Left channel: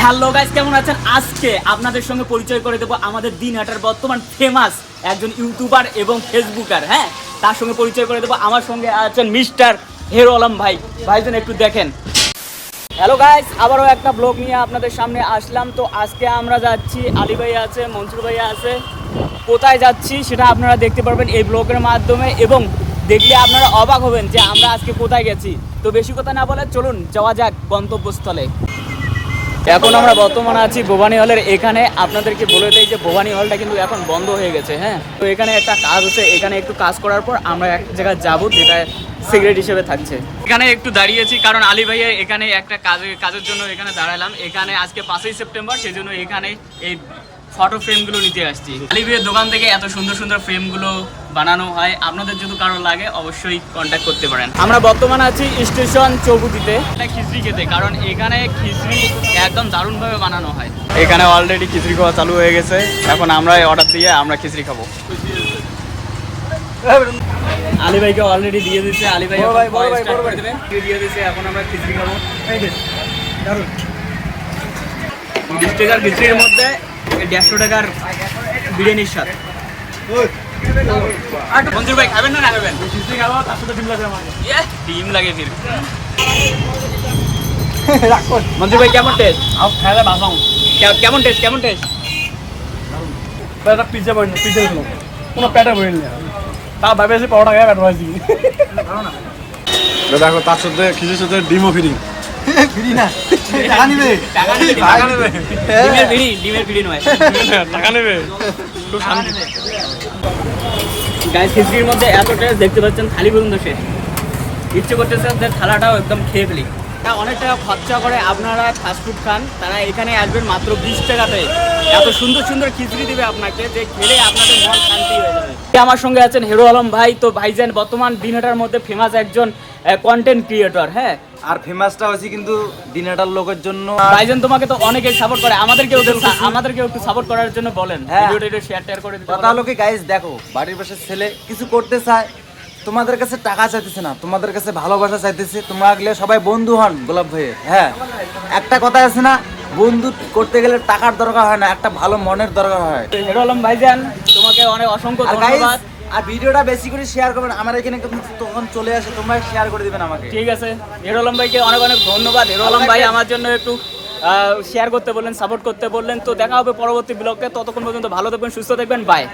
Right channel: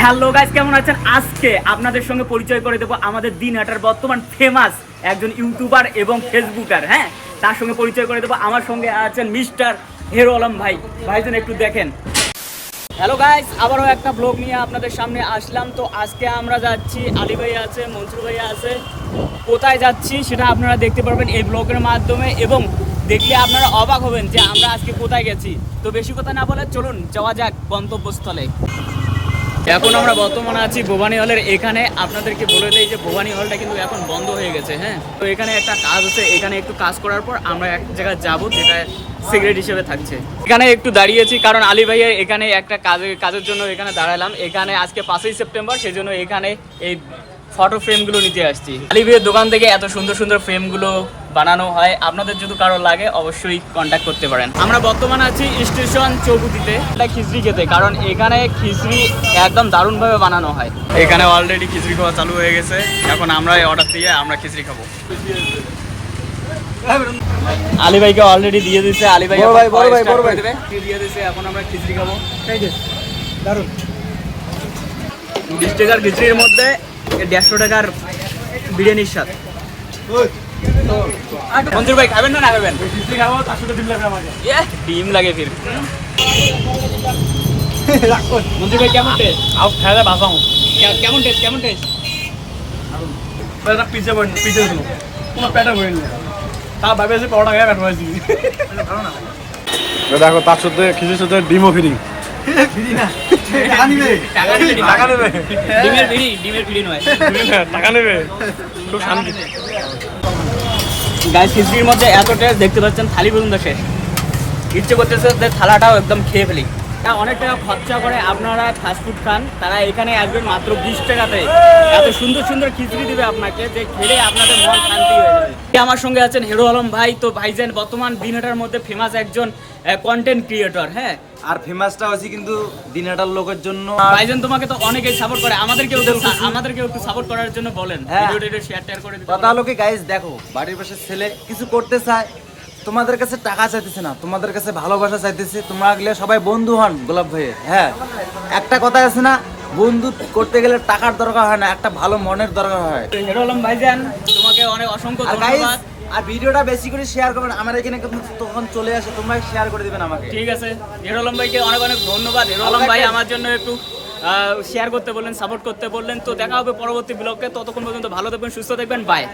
Hello guys, কেমন আছেন? আজকে আপনাদের সঙ্গে পরিচয় করে দেবো আমাদের দিনহাটার বর্তমান ফেমাস একজন ইউটিউবার এবং ফেসবুকার। হ্যাঁ, তার সঙ্গে পরিচয় করে দেবো। আমার সঙ্গে আছেন মিস্টার হেরো আলম ভাই। ভাইজন একটু দেখেন। হ্যালো গাইস, আবারও একটা ব্লগ নিয়ে আপনাদের সামনে আসলাম। তো আজকে আমরা যাচ্ছি, আলী ভাই আছে, মনসুর ভাই আছে। কোথায় যাচ্ছি সেটা আপনারা দেখতে পারবেন এই ব্লগের মাধ্যমে, এবং দেখলে আপনারা অবাক হবেন যে আমরা আজকে কোথায় গেছি। তো বেশি কথা না বলে চলুন যাওয়া যাক গন্তব্যস্থলে। এখন আমরা বর্তমানে আছি ভবানী হলের এখানে। আপনাদেরকে বলে দেই যে ভবানী হলটা কিন্তু এখন বন্ধ হয়ে গেছে। হ্যাঁ, তো এখানে একটা কাজ আছে, এখানে একটু কাজ করার পর আমরা এক জায়গায় যাবো, যেটা সিগারেট হিসেবে থাকছে। এখানে একটু দাঁড়িয়েছি কারণ আলী ভাইয়ের এখানে একটা কাজের জন্য এখানে দাঁড়ালাম। এখানে আজকে 5ই সেপ্টেম্বর, সেই জন্য এখানে এই ফটো ফ্রেমগুলো নিতে আসছি। আলী ভাইয়ের দোকান থেকে এত সুন্দর সুন্দর ফ্রেমগুলো বানানো হয়। আপনাদের যদি কারো লাগে অবশ্যই কন্ট্যাক্ট করতে পারেন। আমরা বর্তমানে আছি স্টেশন চৌকুতিতে, এটা খিচড়ি খেতে, কারণ এখানে খিচড়ি একদম দারুণভাবে বানানো হয়। এখানে অলরেডি খিচড়ি খাওয়া চালু হয়ে গেছে। এখন আমরা অর্ডার দিয়ে আমরা খিচড়ি খাবো। আলী ভাইকে অলরেডি দিয়ে দিচ্ছে, আলী ভাই স্টার্ট করে দেবে, দিয়ে দিচ্ছে। এখন আমরা খিচড়ি খাবো। দারুণ 20 টাকার খিচড়ির মধ্যে 150 টাকার বিরিয়ানির স্বাদ। মঞ্জুর ভাই খাবেন না খাবেন? ডিম লাগে ফির। মঞ্জুর ভাই কেমন টেস্ট? কেমন টেস্ট? কেমন টেস্ট? পিজ্জা পিজ্জা তোমার পেটে বই না তা ভাবেছি পরোটা খাই পেট ভাজি দেখো তার সাথে খিচুড়ির সাথে ডিমও ফ্রি ফ্রি না টাকা নেবে ডিমের ফিরি নয়, টাকা নেবে খুব শান্তি। গাইস, খিচড়ির মধ্যে এত টেস্ট, দেখতে পাচ্ছেন। থালি পর্যন্ত শেষ, ইচ্ছে করতেছে যে থালাটাও একদম খেয়ে ফেলি। অনেক টাকা খরচা করে আপনারা ফাস্টফুড খান, তারা এখানে আসবেন মাত্র 20 টাকাতে। এত সুন্দর সুন্দর খিচড়ি দিবে আপনাকে যে খেলে আপনাদের মন শান্তি হয়ে যাবে। আমার সঙ্গে আছেন হেরো আলম ভাই। তো ভাইজান বর্তমান দিনহাটার মধ্যে ফেমাস একজন কন্টেন্ট ক্রিয়েটর। হ্যাঁ, আর ফেমাসটা হচ্ছে কিন্তু দিনহাটার লোকের জন্য। ভাইজান তোমাকে তো অনেকেই সাপোর্ট করে, আমাদেরকে একটু সাপোর্ট করার জন্য বলেন। ভিডিওটা একটু শেয়ার করে দিতে। কথা হলো কি গাইস, দেখো বাড়ির পাশে ছেলে কিছু করতে চায়, তোমাদের কাছে টাকা চাইতেছে না, তোমাদের কাছে ভালোবাসা চাইতেছে। তোমরা গেলে সবাই বন্ধু হন গোলাপ ভাইয়ের। হ্যাঁ, একটা কথা আছে না, বন্ধু করতে গেলে টাকার দরকার হয় না, একটা ভালো মনের দরকার হয়। হেরো আলম ভাইজান তোমাকে অনেক অসংখ্য ধন্যবাদ। আর ভিডিওটা বেশি করে শেয়ার করবেন, আমার এখানে কিন্তু তখন চলে আসে, তোমরা শেয়ার করে দিবেন আমাকে। ঠিক আছে, হেরো আলম ভাইকে অনেক অনেক ধন্যবাদ। হেরো আলম ভাই আমার জন্য একটু শেয়ার করতে বললেন, সাপোর্ট করতে বললেন। তো দেখা হবে পরবর্তী ব্লগে, ততক্ষণ পর্যন্ত ভালো থাকবেন, সুস্থ থাকবেন, বাই।